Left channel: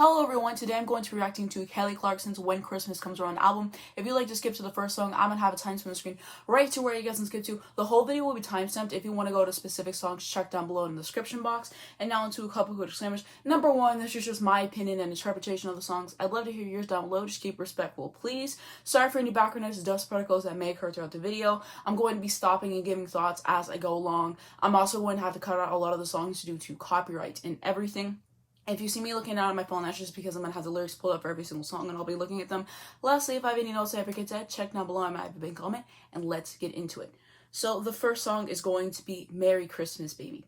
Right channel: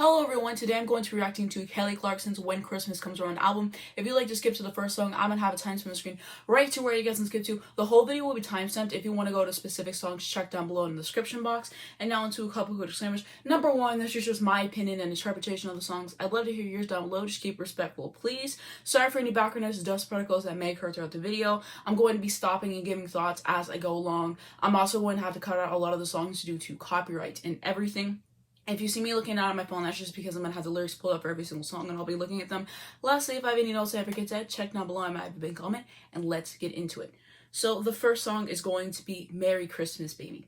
Hello everyone, today I'm going to be reacting to Kelly Clarkson's When Christmas Comes Around album. If you'd like to skip to the first song, I'm going to have a timestamp on the screen right to where you guys can skip to. The whole video will be timestamped. If you want to go to specific songs, check down below in the description box. And now into a couple quick disclaimers. Number one, this is just my opinion and interpretation of the songs. I'd love to hear yours down below. Just keep respectful, please. Sorry for any background noise, dust particles that may occur throughout the video. I'm going to be stopping and giving thoughts as I go along. I'm also going to have to cut out a lot of the songs due to copyright and everything. If you see me looking down at my phone, that's just because I'm going to have the lyrics pulled up for every single song and I'll be looking at them. Lastly, if I have any notes I forget to add, check down below. I might have a big comment, and let's get into it. So the first song is going to be Merry Christmas, Baby.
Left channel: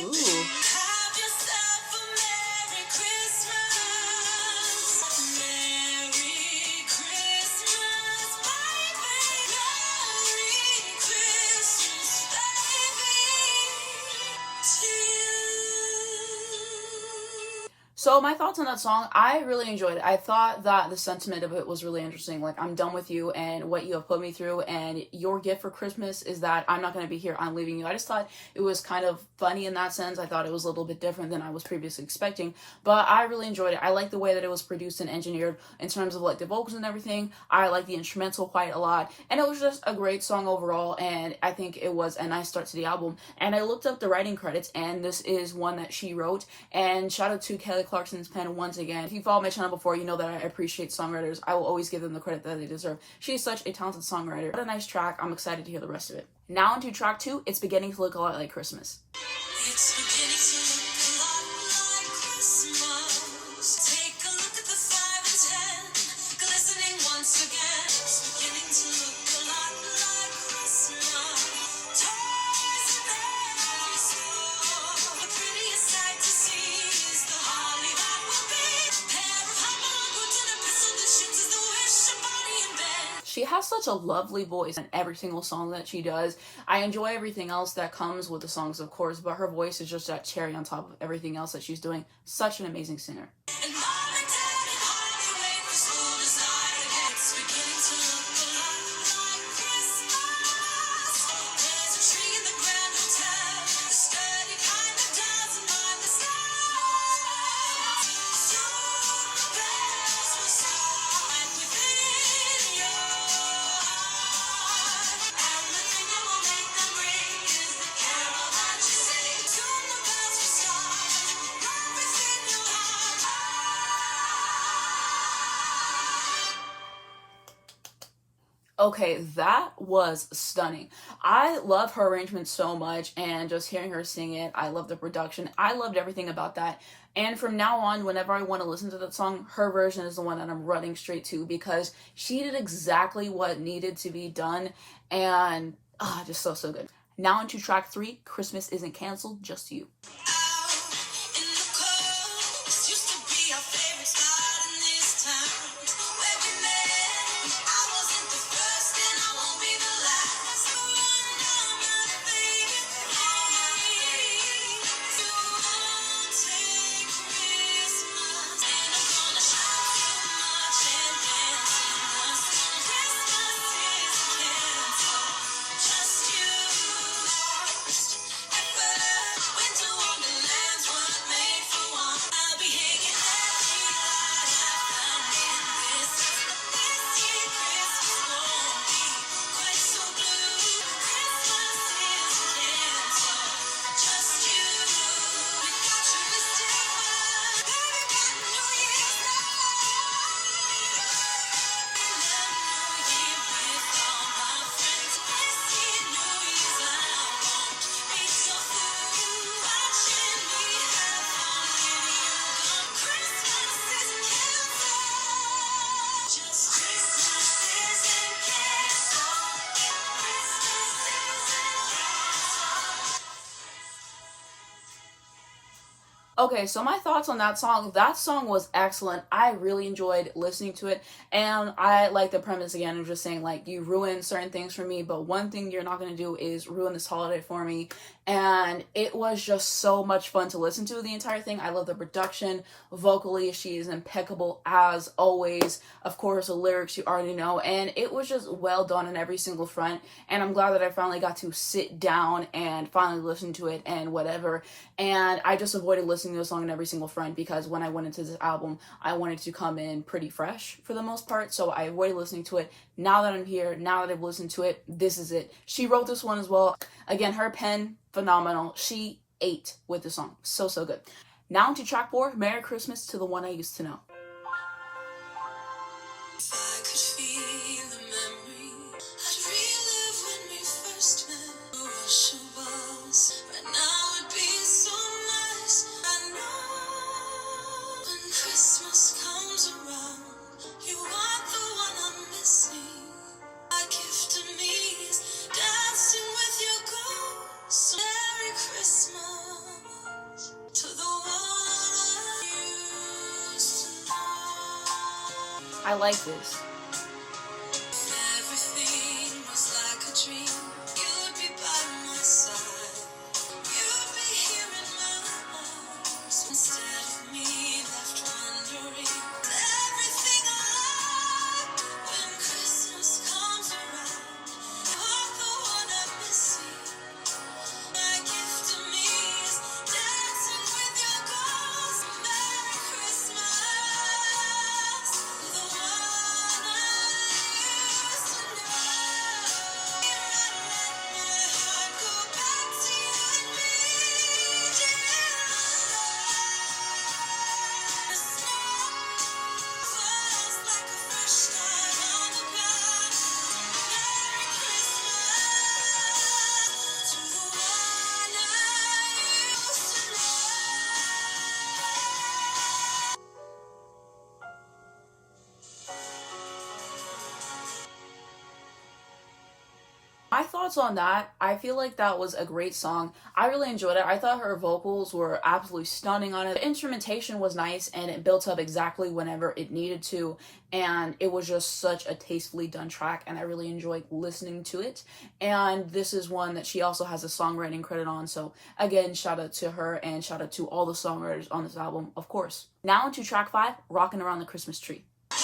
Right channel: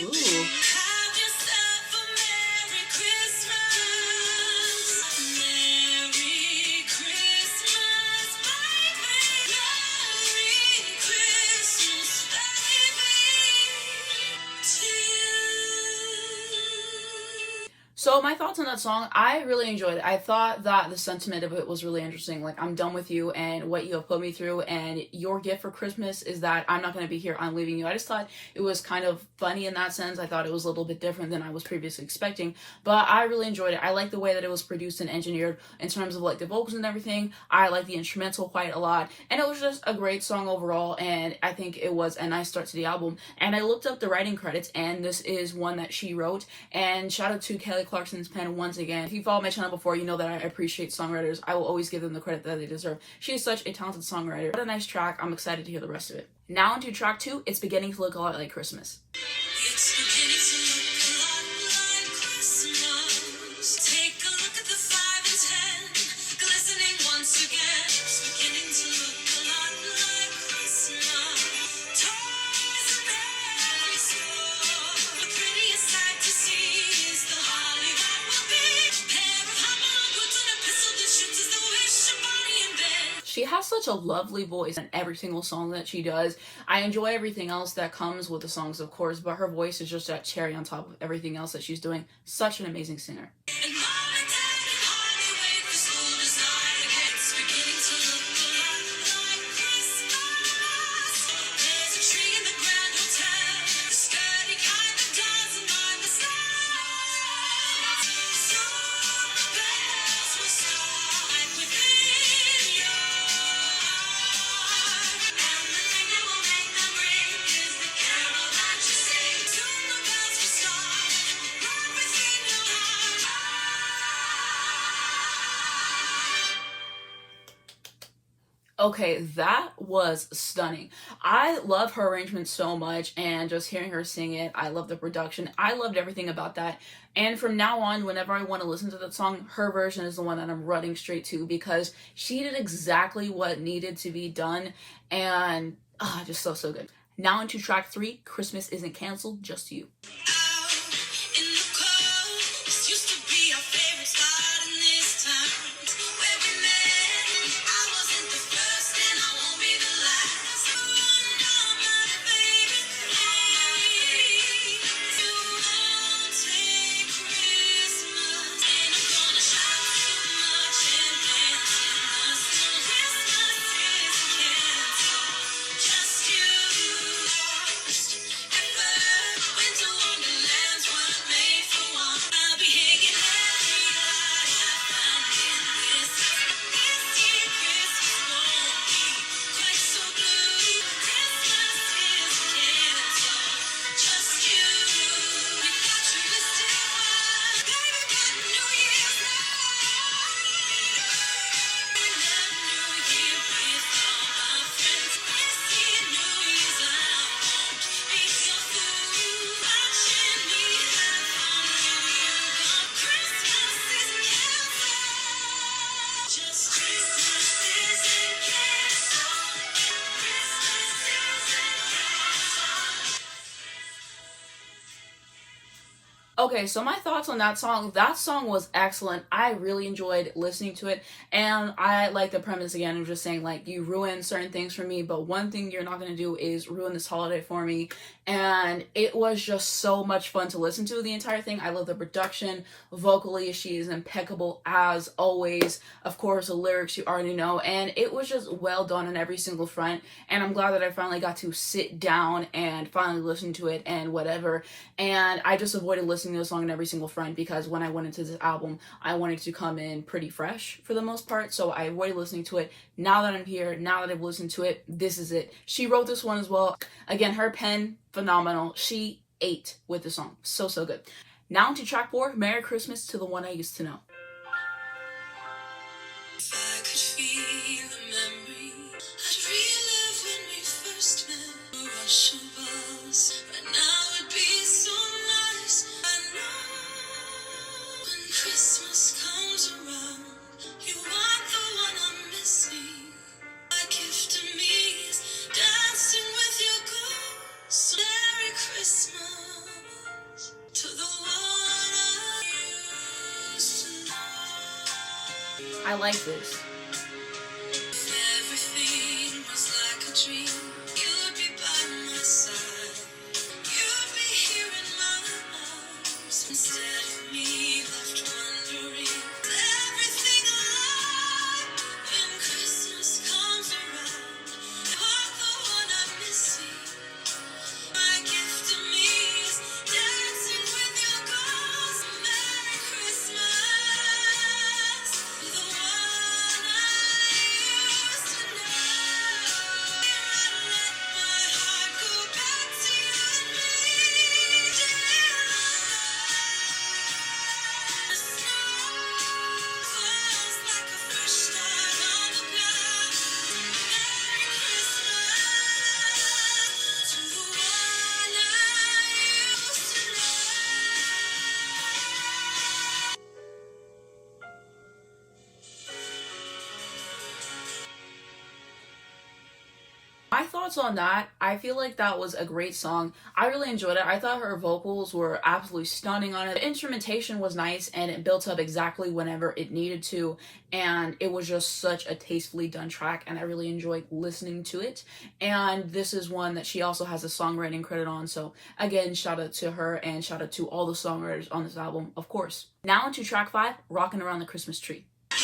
Ooh. So my thoughts on that song, I really enjoyed it. I thought that the sentiment of it was really interesting. Like, I'm done with you and what you have put me through, and your gift for Christmas is that I'm not going to be here, I'm leaving you. I just thought it was kind of funny in that sense. I thought it was a little bit different than I was previously expecting, but I really enjoyed it. I like the way that it was produced and engineered in terms of like the vocals and everything. I like the instrumental quite a lot, and it was just a great song overall, and I think it was a nice start to the album. And I looked up the writing credits, and this is one that she wrote, and shout out to Kelly Clarkson's pen once again. If you followed my channel before, you know that I appreciate songwriters. I will always give them the credit that they deserve. She is such a talented songwriter. What a nice track. I'm excited to hear the rest of it. Now into track 2, It's Beginning to Look a Lot Like Christmas. It's beginning to look a lot like Christmas. Take a look at the 5 and 10, glistening once again. It's beginning to look a lot like Christmas. Toys in every store. The prettiest sight to see is the holly that will be. Pair of humble boots and a pistol that shoots is the wish of Bonnie and Ben. She has such a lovely voice in every single song that she does. I enjoy everything else that comes with the songs, of course, but her voice is just that cherry on top of everything else that she's doing. Such an amazing singer. And Mom and Dad can hardly wait for school to start again. It's beginning to look a lot like Christmas. There's a tree in the Grand Hotel, the sturdy kind that doesn't mind the snow. Soon the bells will start within your heart, and the thing that will make them ring is the carol that you sing. Soon the bells will start right within your heart. Okay, that was stunning. I love her arrangement so much, and just hearing her sing it, I love the production. I loved everything about that. And from now on, whenever I want to listen to that song, her version is the one that I'm running straight to, because she did exactly what needed to be done, and just so good. Now into track 3, Christmas Isn't Canceled, Just You. Out in the cold, this used to be our favorite spot in this town where we met. I wasn't the first and I won't be the last. You know my baby, please. You won't take Christmas, and I'm gonna shout too much and dance in the sun. Christmas is canceled, just you lost at first. Winter wonderland. Okay, so my thoughts on that song. That song was excellent. I really enjoyed listening to it. And I like the premise again of just saying, like, you ruin certain things for me, but one thing you're not going to do is ruin this holiday for me. And it was just so much fun to listen to the entire thing. I love the production. Vocally, she is impeccable as always. Of course, the lyrics you already know. And it was just well done on every single front. And I'm glad that I finally got to sit down and finally listen to it and whatever. And I just avoided listening to the song in every single front because when I went into this album, I wanted to come in pretty fresh for the most part. So I avoided listening to it. Now that I'm here, now that I've listened to it, this is it. She wrote this one as well. Again, her pen, phenomenal. She ate with the song. So, so good. Now to track 4, Merry Christmas to the One I Used to Know. If I could feel the memory, I'd relive when we first met. A rush of buzz, right now it'd be so nice. I know when Christmas comes around, you are the one I'm missing. My gift to me is dancing with your ghost. Merry Christmas to the one I used to know. I like this. Everything was like a dream. You'd be by my side. You'd be here in my arms instead of me left wondering. Everything alive when Christmas comes around. You're the one I'm missing. My gift to me is dancing with your ghost. Merry Christmas to the one I used to know. Let my heart go back to you and me. The snow falls like a fresh start on the ground. Merry Christmas to the one I used to know. My thoughts on that, I feel like that was a great song. I really enjoyed it. I thought her vocals were absolutely stunning on it. The instrumentation was nice and it built up exactly whenever it needed to. And it was just such a tastefully done track and I really enjoyed listening to it. And this is one that she also has a songwriting credit on. So again, shout out to her and shout out to all the songwriters on this album, of course. Now into track 5, Rockin' Around the Christmas Tree. The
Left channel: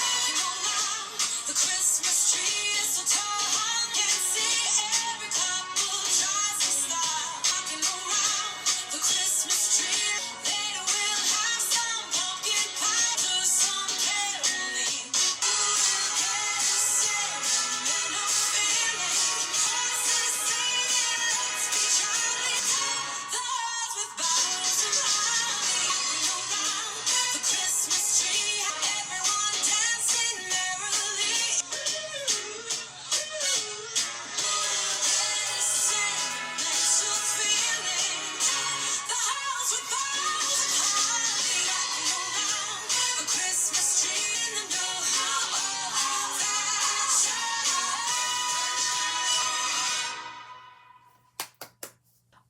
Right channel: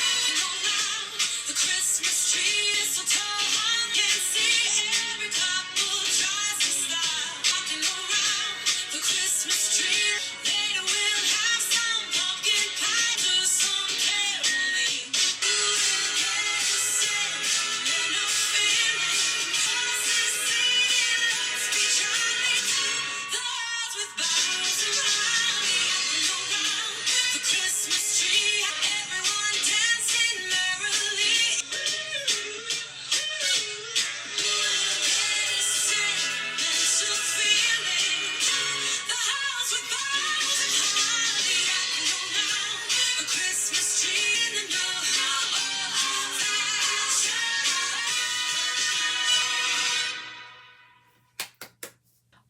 Christmas tree is so tall, I can see every couple tries to stop. Rocking around the Christmas tree. Later we'll have some pumpkin pie, do some caroling. Sentimental feeling. Voices singing, let's be jolly. The halls with boughs around. Rocking around the Christmas tree. Everyone dancing merrily. Sentimental feeling. The house with boughs and holly. Rocking around the Christmas tree. And know how all that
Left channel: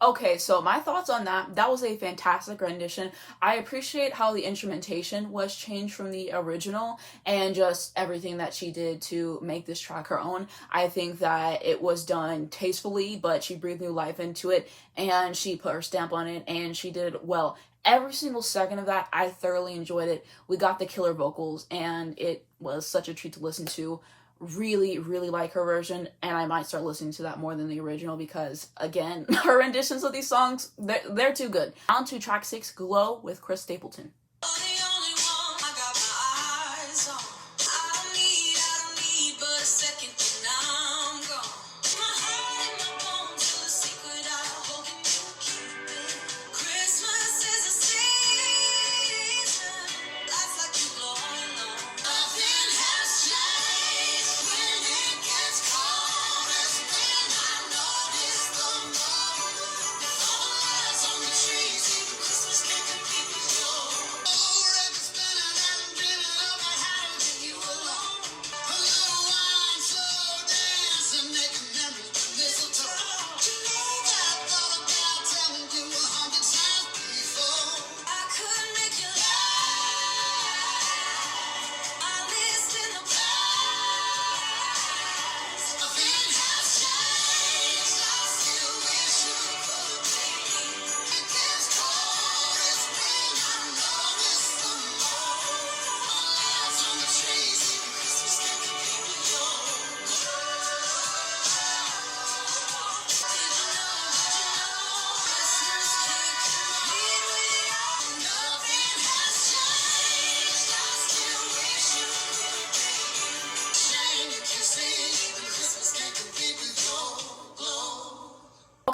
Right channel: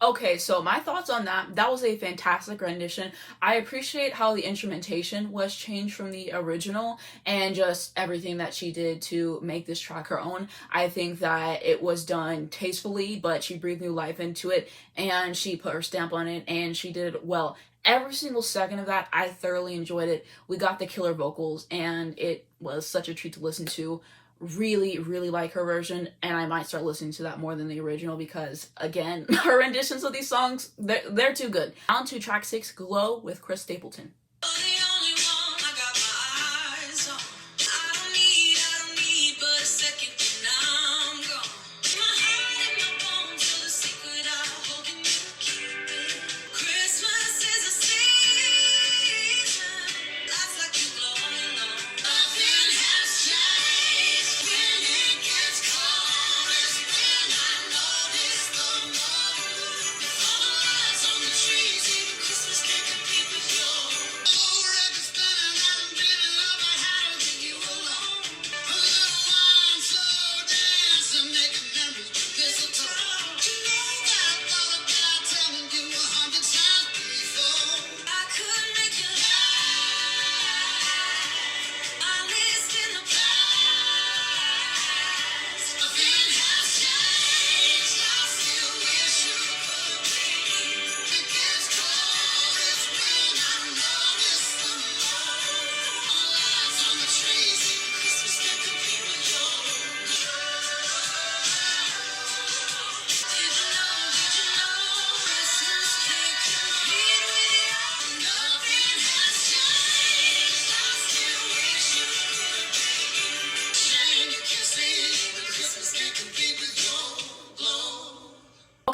Okay, so my thoughts on that. That was a fantastic rendition. I appreciate how the instrumentation was changed from the original and just everything that she did to make this track her own. I think that it was done tastefully, but she breathed new life into it and she put her stamp on it and she did it well. Every single second of that, I thoroughly enjoyed it. We got the killer vocals and it was such a treat to listen to. Really, really like her version, and I might start listening to that more than the original because, again, her renditions of these songs, they're too good. On to track 6, Glow with Chris Stapleton. the only one I got my eyes on. I don't need but a second and I'm gone. My heart and my bones are the secret I'm holding you, keep it. Christmas is a season. Lights like you glowing on. Nothing has changed when it gets cold. That's when I notice the moon. All the lights on the trees, even Christmas can't compete with yours.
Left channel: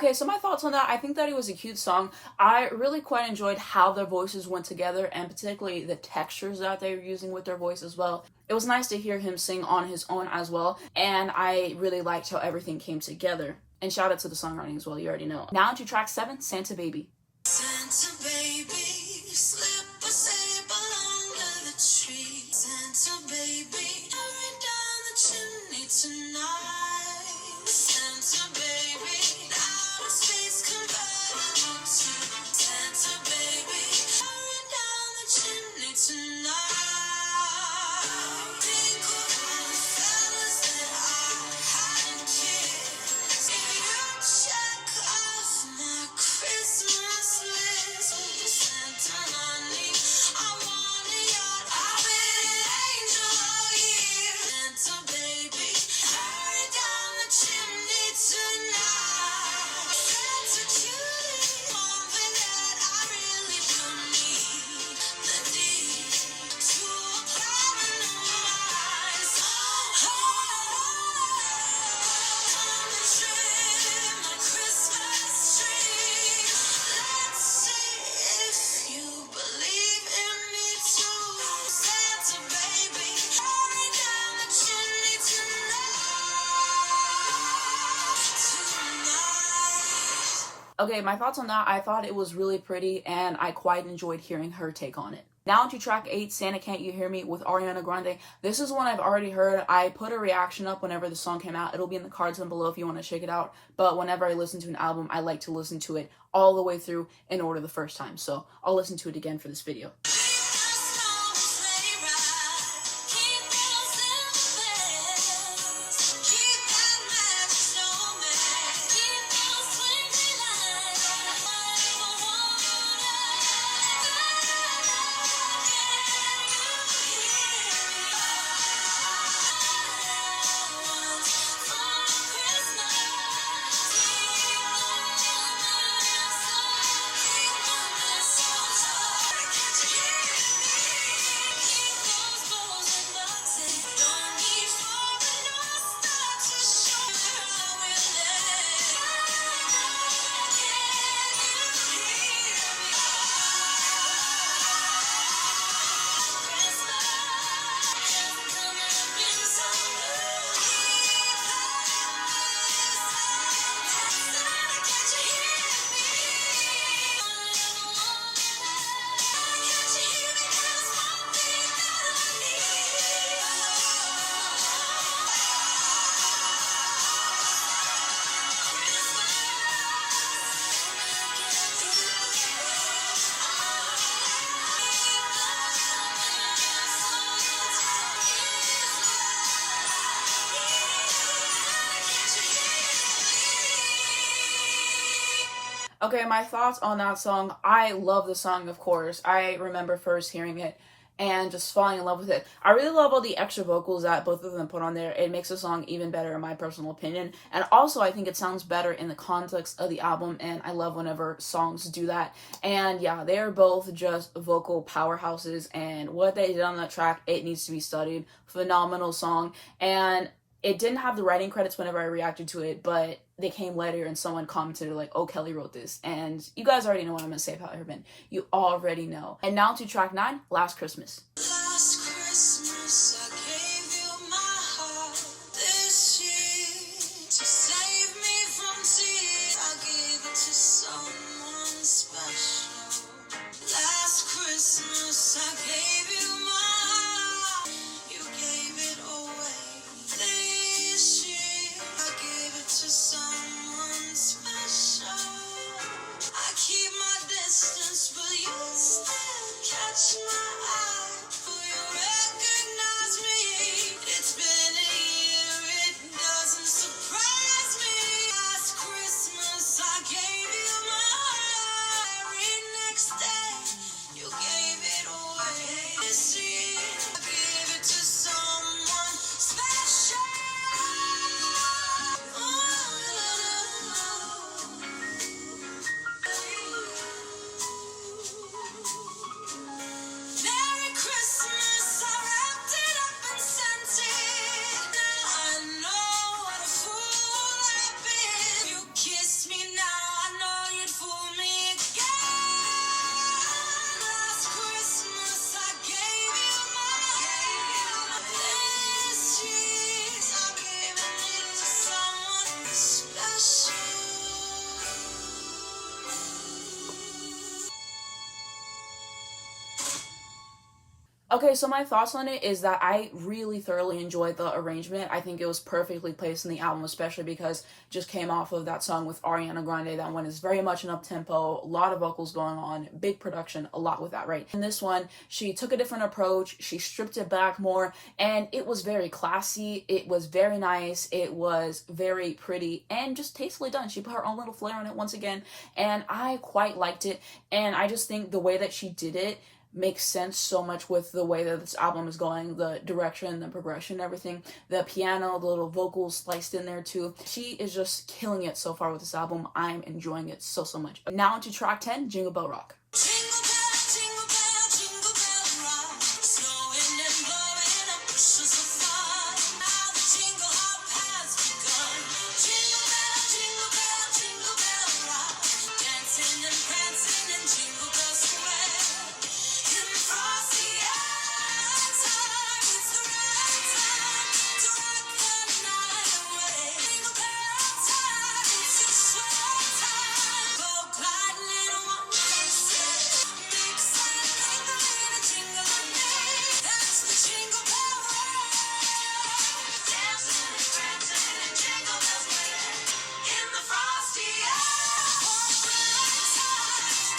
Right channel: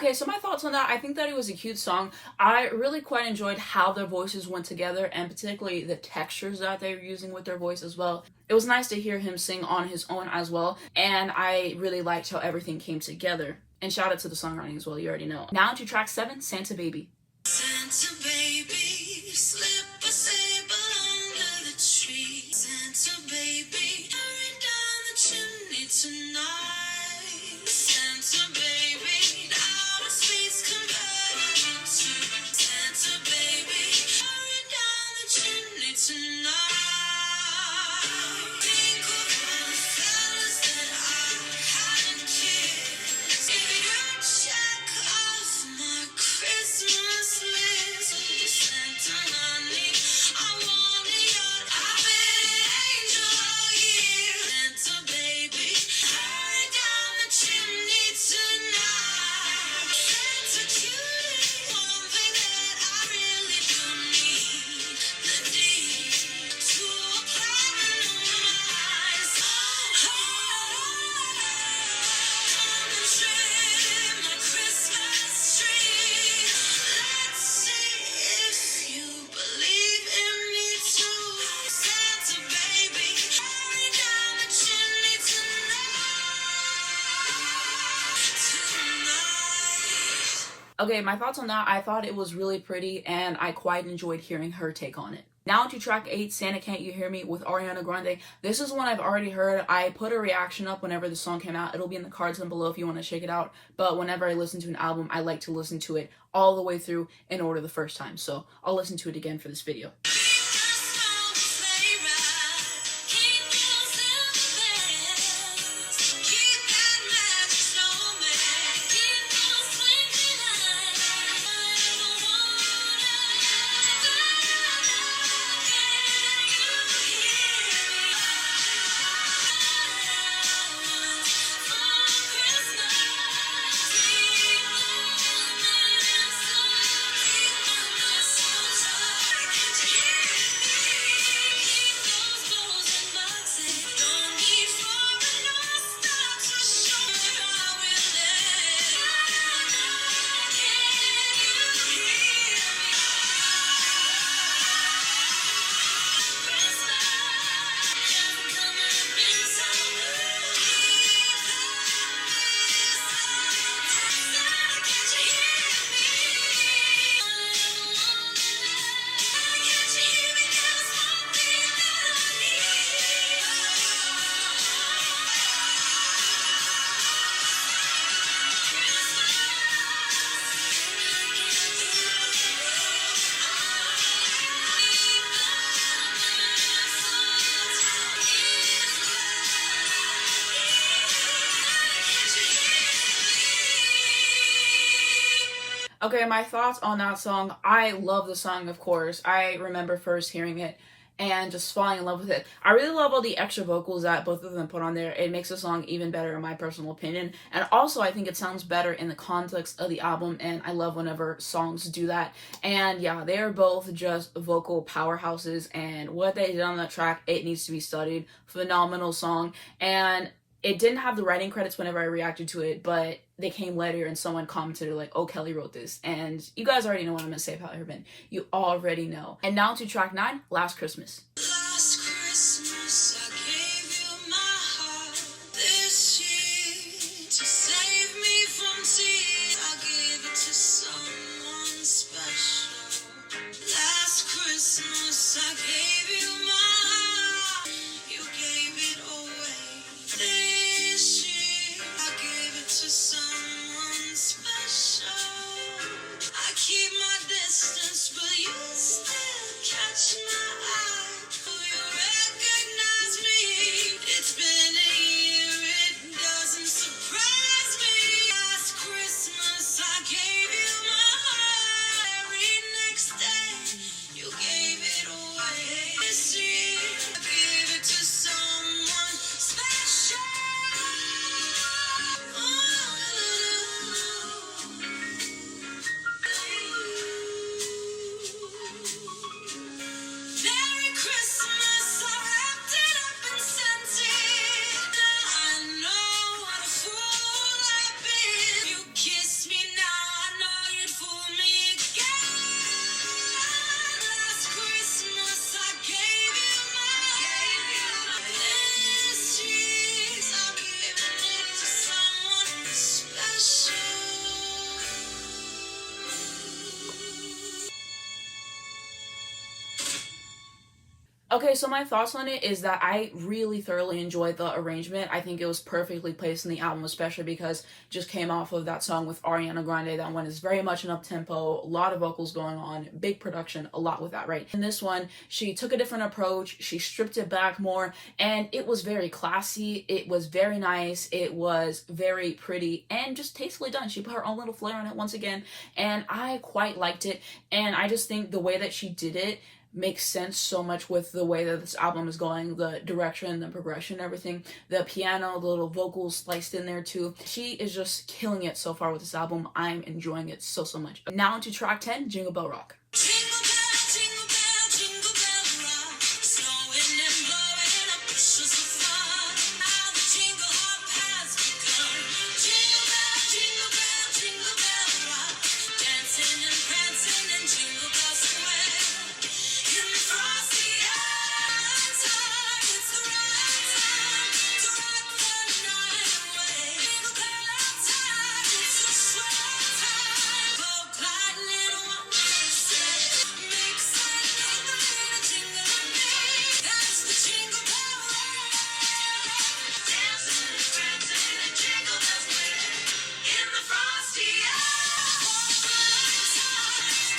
Okay, so my thoughts on that, I think that it was a cute song. I really quite enjoyed how their voices went together, and particularly the textures that they were using with their voice as well. It was nice to hear him sing on his own as well, and I really liked how everything came together. And shout out to the songwriting as well, you already know. Now to track 7, Santa Baby. Santa baby, slip a sable under the tree. Santa baby, hurry down the chimney tonight. Santa baby, outer space converted into Santa baby, hurry down the chimney tonight. Think of all the fellas that I hadn't kissed. If you check off my Christmas list, Santa honey, I want a yacht. I'll be an angel all year. Santa baby, hurry down the chimney tonight. Santa cutie, one thing that I really do need, the deed to a platinum eyes. Come and trim my Christmas tree. Let's see if you believe in me too. Santa baby, hurry down the chimney tonight. Okay, my thoughts on that, I thought it was really pretty, and I quite enjoyed hearing her take on it. Now to track 8, Santa Can't You Hear Me with Ariana Grande. This is one I've already heard. I put a reaction up whenever the song came out. It'll be in the cards down below if you want to check it out. But whenever I listen to an album, I like to listen to it all the way through in order the first time. So I'll listen to it again for this video. Okay, my thoughts on that song. I love the song, of course. I remember first hearing it and just falling in love with it. I really love all the extra vocals that both of them put on there. It makes the song even better in my personal opinion. And also, I think it sounds better in the context of the album, and I love whenever songs do that. And yeah, they are both just vocal powerhouses, and what they did on that track, it needs to be studied. Phenomenal song. And it didn't have the writing credits whenever I reacted to it, but they came later and someone commented like, oh, Kelly wrote this. And you guys already know what I'm going to say about her, Ben. You already know. And now to track 9, Last Christmas. Last Christmas I gave you my heart. This year to save me from tears, I gave it to someone special. Last Christmas I gave you my heart. You gave it away. This year I gave it to someone special. I keep my distance, but you still catch my eye. Okay, so my thoughts on it is that I really thoroughly enjoyed the arrangement. I think it was perfectly placed in the album, especially because it just came off of that song with Ariana Grande. That one is very much an up-tempo, a lot of vocals going on, big production, a lot with that, right? In this one, she took a different approach, she stripped it back more, and it was very classy, it was very nice, it was very pretty, and just tastefully done. She put her own little flair on it once again, and I quite liked it, and I just think the way that she did it makes sense so much with the way that this album is going, the direction, the progression, everything, the piano, the little vocals spliced in there too. She is just killing it so far with this album. I'm enjoying it so much. Now to track 10, Jingle Bell Rock. Jingle bell, jingle bell rock, snowing and blowing up bushels of fun. Now the jingle hop has begun. Jingle bell rock, dancing and prancing in Jingle Bell Square. In the frosty time, it's the right time to rock the night away. Jingle bell time, it's a swell time. Go gliding in one sleigh. Make some jingle and me. That's the Jingle Bell Rock. Dancing and prancing in Jingle Bell Square. In the frosty time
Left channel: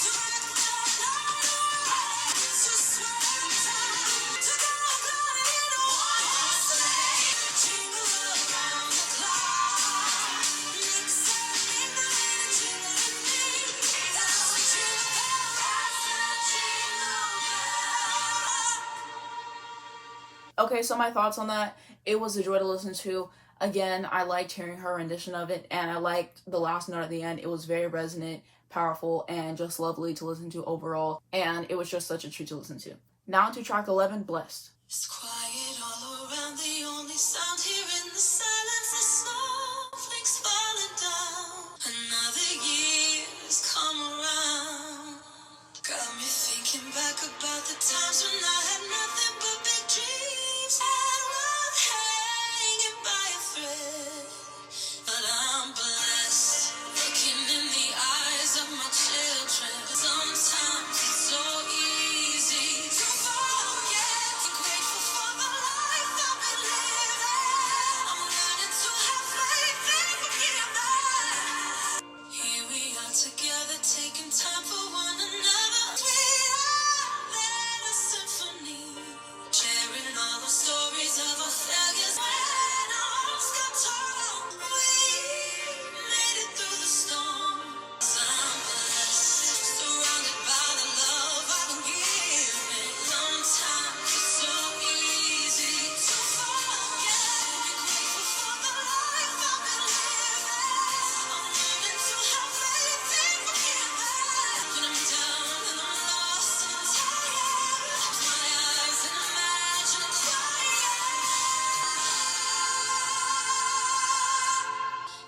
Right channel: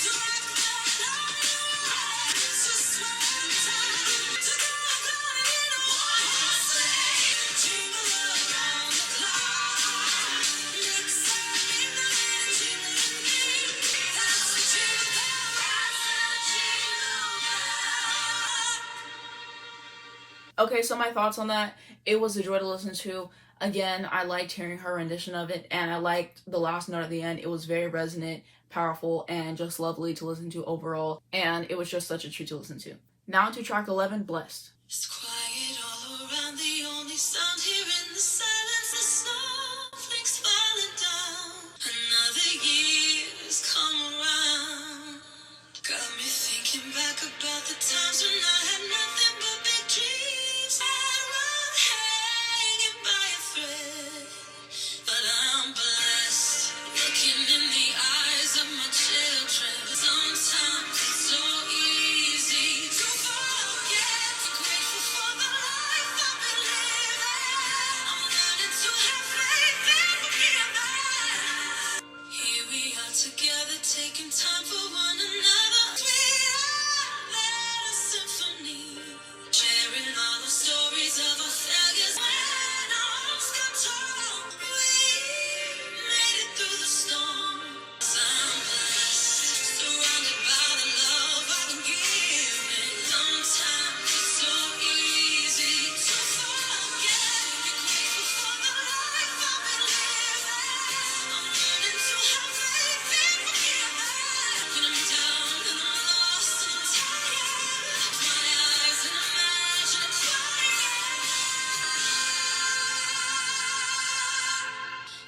to rock the night away. It's a swell time to go gliding in one sleigh. Jingle around the clock. Mix some jingle and me. That's the Jingle Bell Rock. That's the Jingle Bell. Okay, so my thoughts on that, it was a joy to listen to. Again, I liked hearing her rendition of it, and I liked the last note at the end. It was very resonant, powerful, and just lovely to listen to overall, and it was just such a treat to listen to. Now to track 11, Blessed. It's quiet all around, the only sound here in the silence is snowflakes falling down. Another year's come around. Got me thinking back about the times when I had nothing but big dreams. I'd run hanging by a thread. But I'm blessed, looking in the eyes of my children. Sometimes it's so easy to forget. Grateful for the life I've been living. I'm learning to have faith and forgiveness. Here we are together, taking time for one another. We are a symphony, sharing all the stories of our failures. When all got tall, we made it through the storm. 'Cause I'm blessed, surrounded by the love I've been given. Sometimes it's so easy to forget. Grateful for the life I've been living. I'm learning to have faith and forgiveness. When I'm down and I'm lost and I'm tired, close my eyes and imagine a quiet.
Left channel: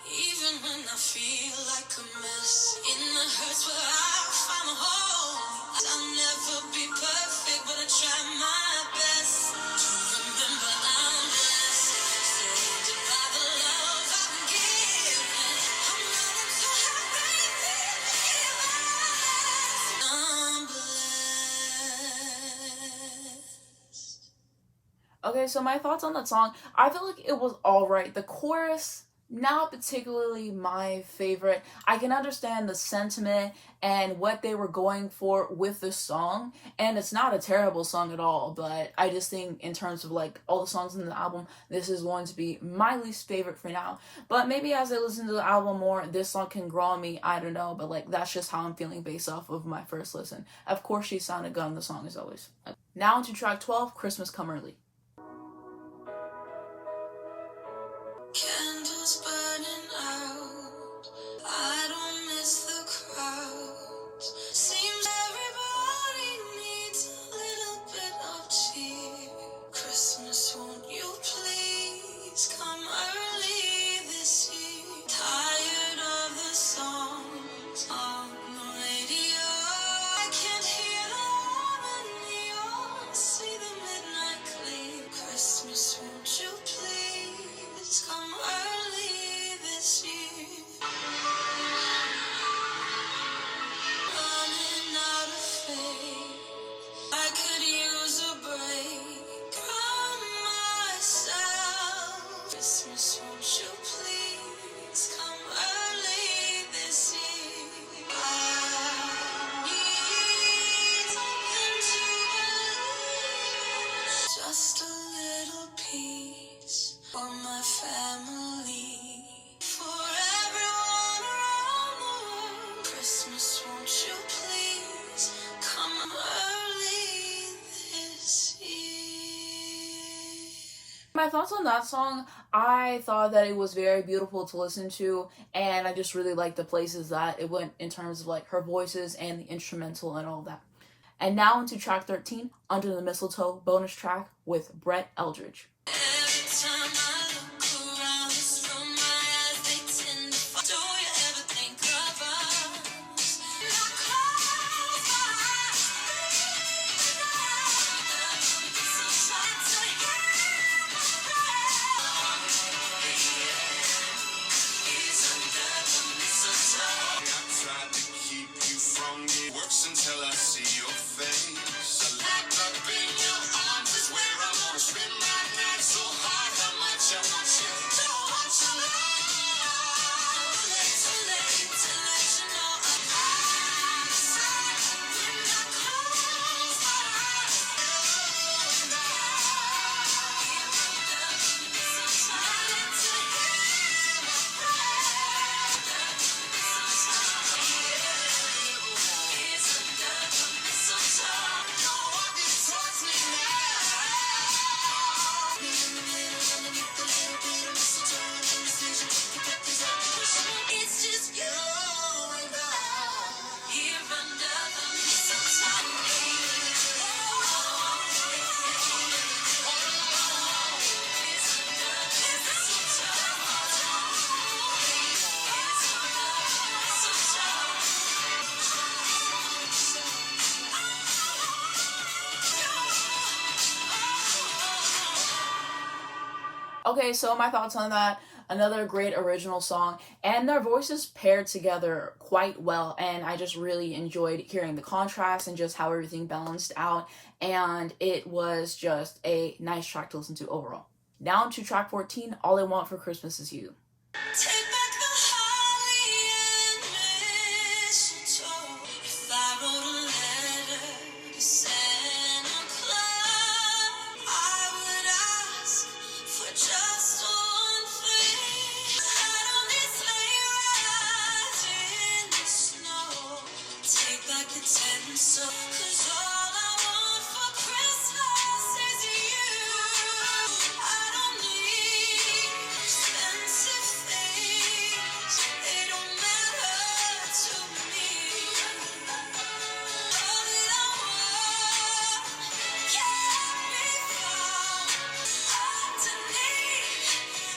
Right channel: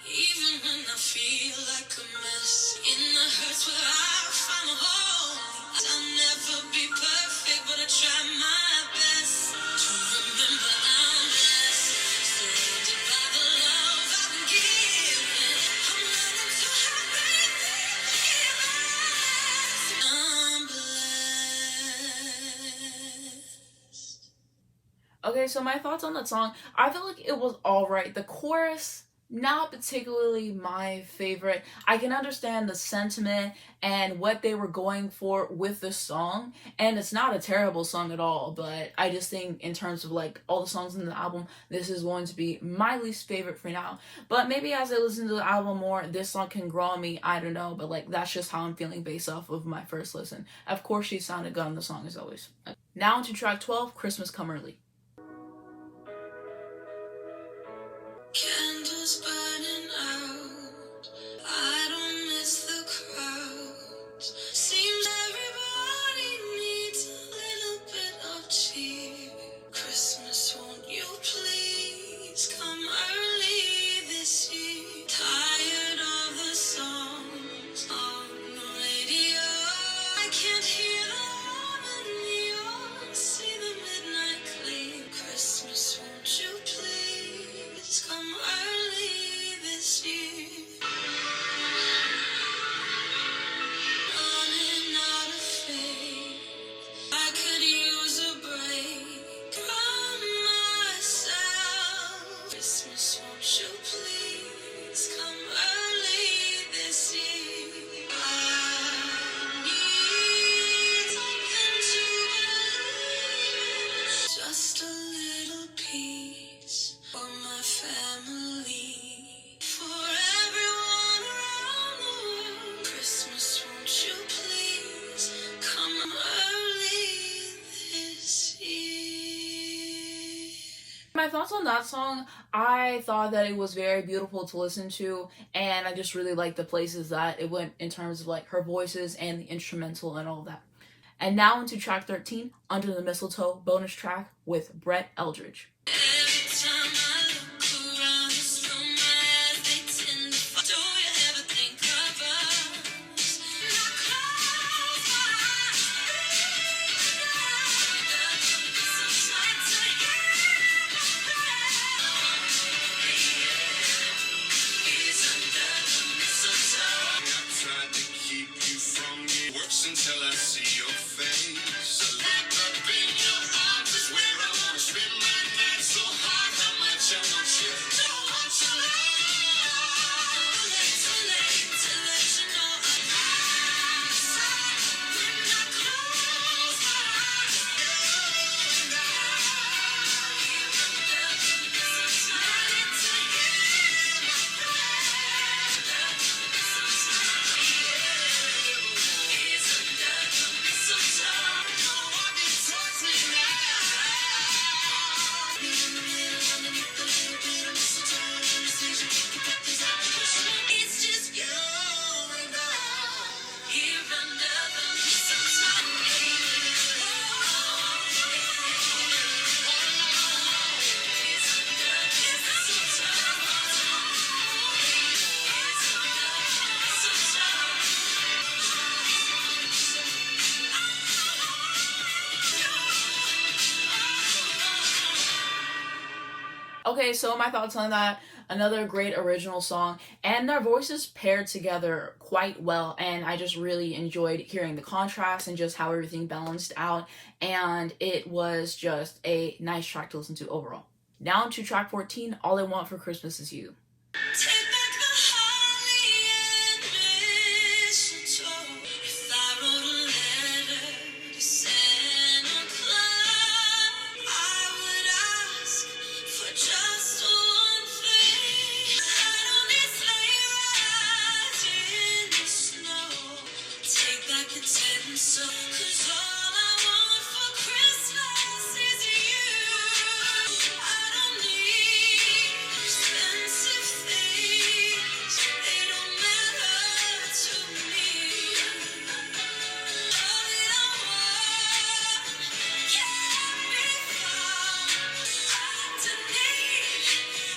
Even when I feel like a mess, in the hurts where I find a home. I'll never be perfect, but I try my best to remember I'm blessed, surrounded by the love I've been given. I'm learning to have faith in forgiveness. I'm blessed. Okay, so my thoughts on that song, I felt like it was alright. The chorus, not particularly my favorite. I can understand the sentiment and what they were going for with the song, and it's not a terrible song at all, but I just think in terms of like all the songs in the album, this is going to be my least favorite for now. But maybe as I listen to the album more, this song can grow on me, I don't know, but like that's just how I'm feeling based off of my first listen. Of course she sounded good on the song as always. Now to track 12, Christmas Come Early. Candles burning out. I don't miss the crowds. Seems everybody needs a little bit of cheer. Christmas, won't you please come early this year? Tired of the songs on the radio. I can't hear the harmony or see the midnight clear. my thoughts on that song, I thought that it was very beautiful to listen to, and I just really liked the places that it went in terms of like her voices and the instrumental and all that. And now into track 13, Under the Mistletoe bonus track with Brett Eldredge. Until I see your face. Wrapped up in your arms is where I wanna spend my night. So hard, how much I want you. Don't want you too late to let you know I'm outside. When I close my eyes, you and I. Ready to hear my It's just you and I here under the mistletoe. Okay, so my thoughts on that. Another great original song, and their voices paired together quite well, and I just really enjoyed hearing the contrast and just how everything balanced out, and it was just a nice track to listen to overall. Now to track 14, All I Want for Christmas Is You. Take back the holly and mistletoe. If I wrote a letter to Santa Claus, I would ask for just one thing. I don't need sleigh rides in the snow. Take back the tinsel, 'cause all I want for Christmas is you. I don't need expensive things. They don't matter to me. All that I want can be found underneath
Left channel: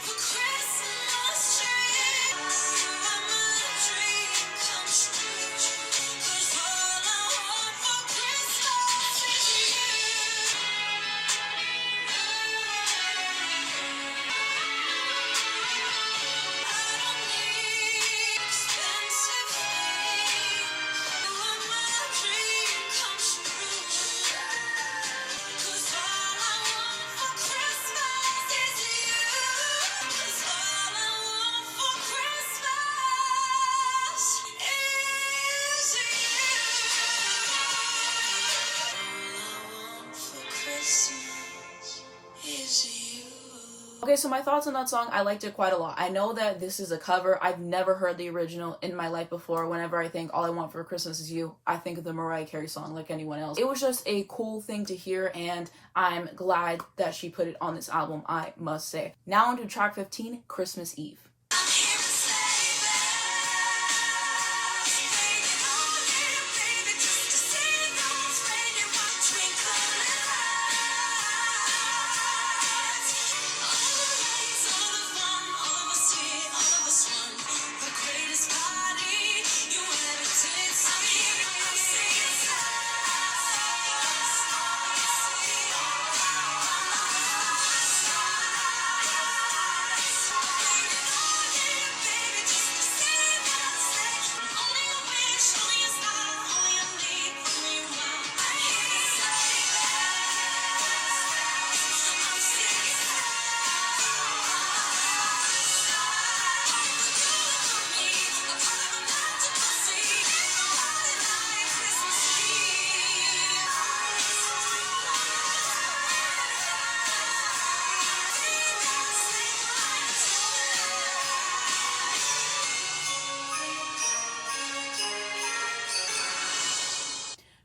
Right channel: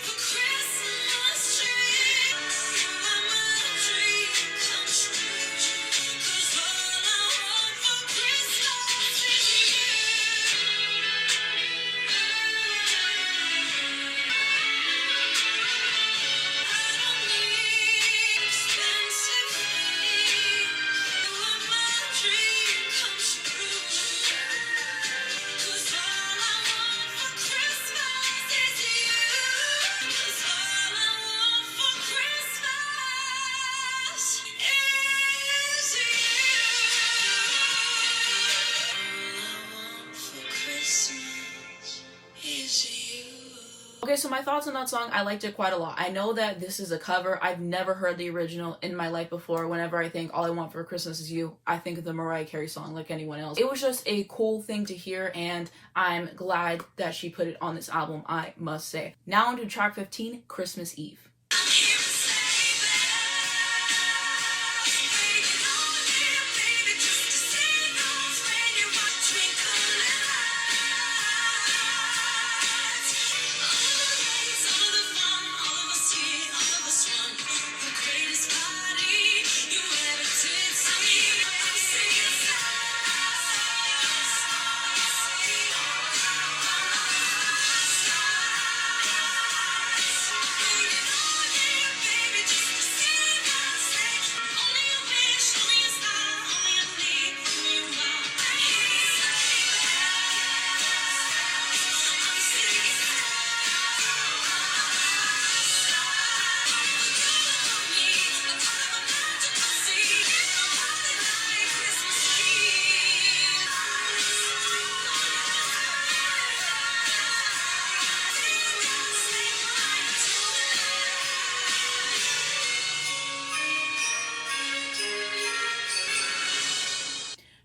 the Christmas tree. You are my dream come true. 'Cause all I want for Christmas is Okay, so my thoughts on that song, I liked it quite a lot. I know that this is a cover. I've never heard the original in my life before. Whenever I think All I Want for Christmas Is You, I think of the Mariah Carey song like anyone else. It was just a cool thing to hear, and I'm glad that she put it on this album, I must say. Now on to track 15, Christmas Eve.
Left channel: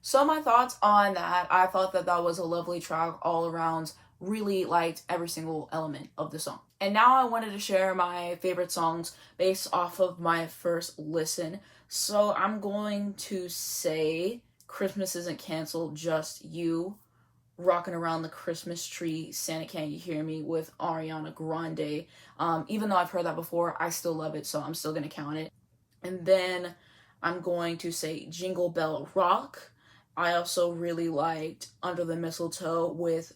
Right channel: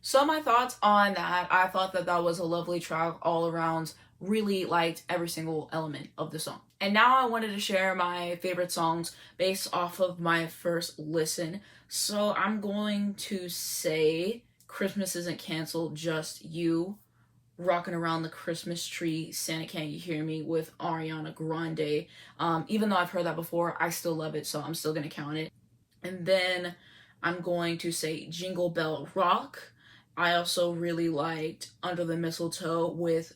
So my thoughts on that, I thought that that was a lovely track all around, really liked every single element of the song. And now I wanted to share my favorite songs based off of my first listen. So I'm going to say Christmas Isn't Canceled, Just You, Rocking Around the Christmas Tree, Santa Can't You Hear Me with Ariana Grande. Even though I've heard that before, I still love it, so I'm still going to count it. And then I'm going to say Jingle Bell Rock. I also really liked Under the Mistletoe with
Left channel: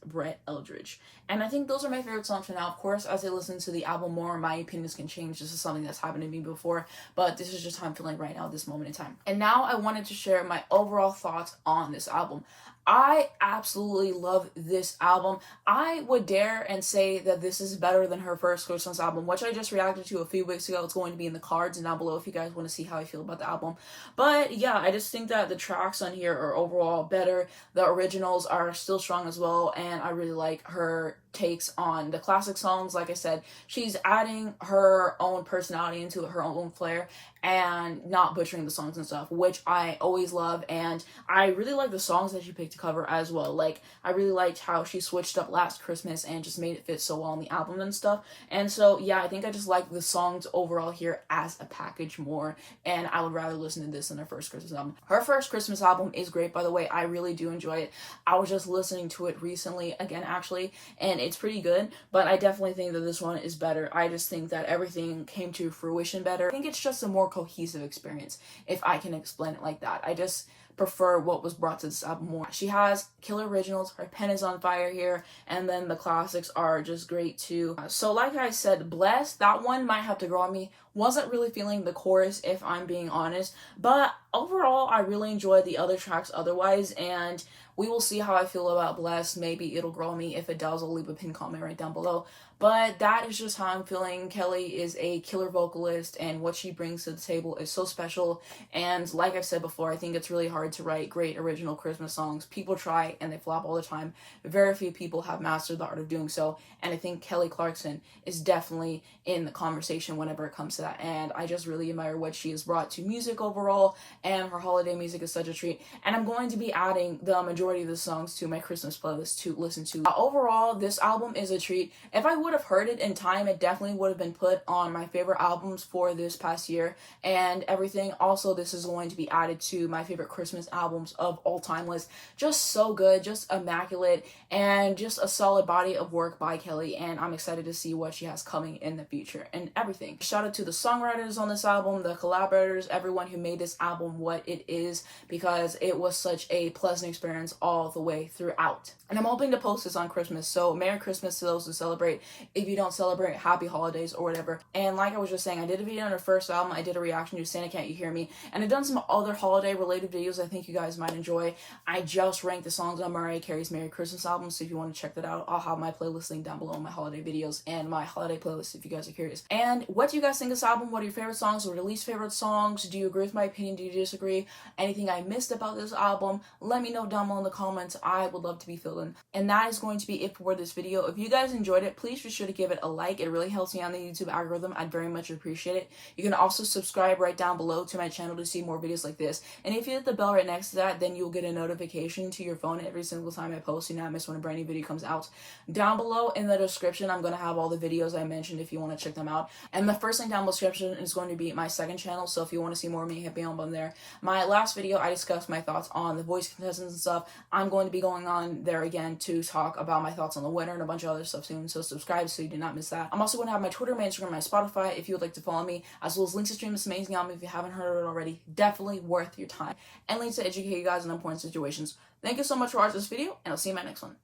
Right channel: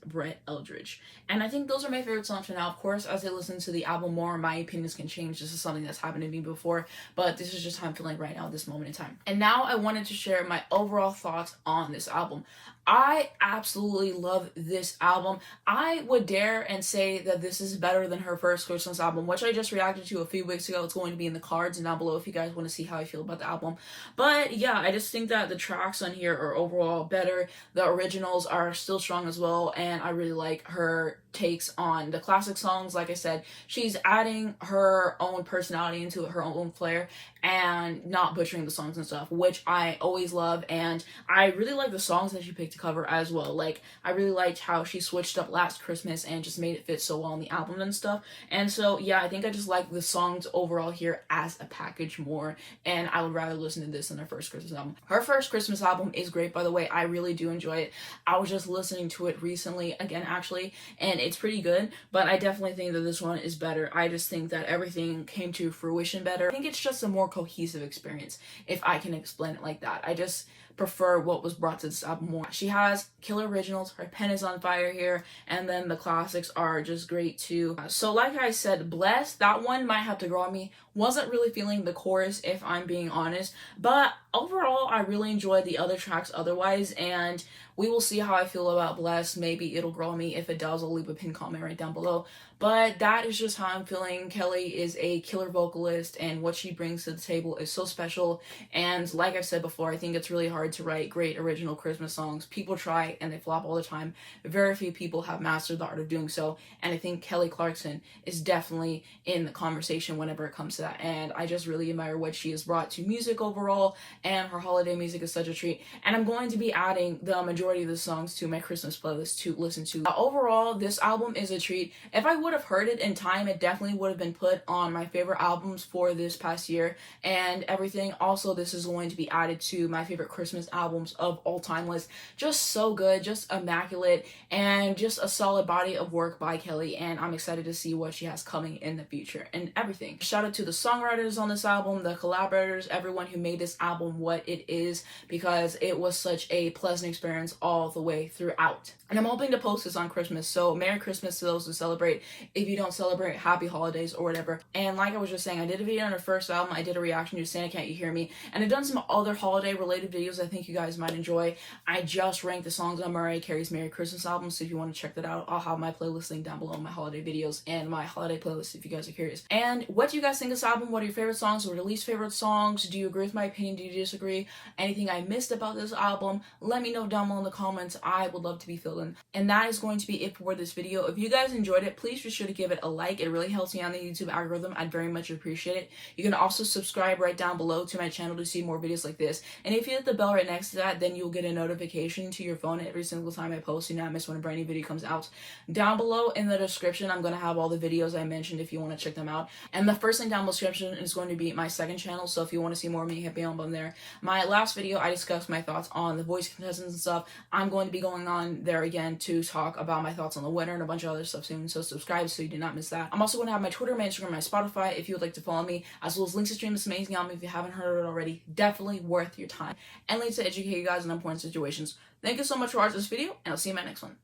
Eldredge. And I think those are my favorite songs for now. Of course, as I listen to the album more, my opinions can change. This is something that's happened to me before, but this is just how I'm feeling right now at this moment in time. And now I wanted to share my overall thoughts on this album. I absolutely love this album. I would dare and say that this is better than her first Christmas album, which I just reacted to a few weeks ago. It's going to be in the cards and down below if you guys want to see how I feel about the album. But yeah, I just think that the tracks on here are overall better. The originals are still strong as well, and I really like her takes on the classic songs. Like I said, she's adding her own personality into it, her own flair, and not butchering the songs and stuff, which I always love. And I really like the songs that she picked to cover as well. Like, I really liked how she switched up Last Christmas and just made it fit so well on the album and stuff. And so yeah, I think I just like the songs overall here as a package more, and I would rather listen to this than her first Christmas album. Her first Christmas album is great, by the way. I really do enjoy it. I was just listening to it recently again, actually, and it's pretty good, but I definitely think that this one is better. I just think that everything came to fruition better. I think it's just a more cohesive experience, if I can explain it like that. I just prefer what was brought to this album more. She has killer originals, her pen is on fire here, and then the classics are just great too. So like I said, Bless, that one might have to grow on me. Wasn't really feeling the chorus, if I'm being honest, but overall I really enjoyed the other tracks otherwise, and we will see how I feel about Bless. Maybe it'll grow on me. If it does, I'll leave a pin comment right down below. But that is just how I'm feeling. Kelly is a killer vocalist, and what she brings to the table is so special. And like I've said before, I think it's really hard to write great original Christmas songs. People try and they flop all the time. Very few people have mastered the art of doing so. And I think Kelly Clarkson is definitely in the conversation whenever it comes to that. And I just really admire what she has brought to music overall. And her holiday music is such a treat. And I'm going to be adding the majority of the songs to my Christmas playlist to listen to. Overall, this album is a treat. If I would have heard it in time, it definitely would have been put on my favorite albums for this past year and everything. Also, this is going to be added to my favorite Christmas albums of all time list. Just so good, just immaculate, and just a solid body of work by Kelly, and I'm excited to see what she has coming in the future and everything. Shout out to the songwriters on this album, the collaborators, everyone who made this album what it is, because it was such a pleasant experience all the way throughout. And I'm hoping to post this on Christmas, so Merry Christmas to those who celebrate. If you don't celebrate, Happy Holidays or whatever. And like I was just saying, I did a video on her first album. I did a reaction to Santa Can't You Hear Me, and I've done some other holiday related videos I think you guys might enjoy. I just ranked the songs on Mariah Carey's Merry Christmas album, so if you want to check that out, I'll have my playlist link down below in my holiday videos and my holiday playlist if you guys are curious. And what do you guys think of this album? What are your favorite songs? What are your least favorite songs? Do you agree with my opinion? Do you disagree? Anything I missed about this album? Let me know down below in the comments. I would love to be filled in. And that is going to be it for this video. If you guys enjoyed it, please be sure to give it a like. It really helps me on the YouTube algorithm. I'd very much appreciate it. You can also subscribe right down below to my channel to see more videos like this. And if you hit the bell right next to that, then you'll get a notification to your phone every single time I post. You not miss when a brand new video comes out. Down below in the description, I'm going to have all the videos I mentioned if you want to check them out. And the first link down in the description is going to be my second channel. So if you want to see more of me, hit me on there. My last video, I discussed my thoughts on the voice contestants and stuff. I'm going to be going on there again to talk about my thoughts on the winner and a bunch of other stuff soon. So subscribe so you do not miss that. I'm also going to have my Twitter, my Instagram, my Spotify if you would like to follow me, as well as links to stream this amazing album if you haven't heard it already. Definitely worth your time. And links to educate you guys in important situations. Thank you so much for watching this video, and I'll see you in my next one.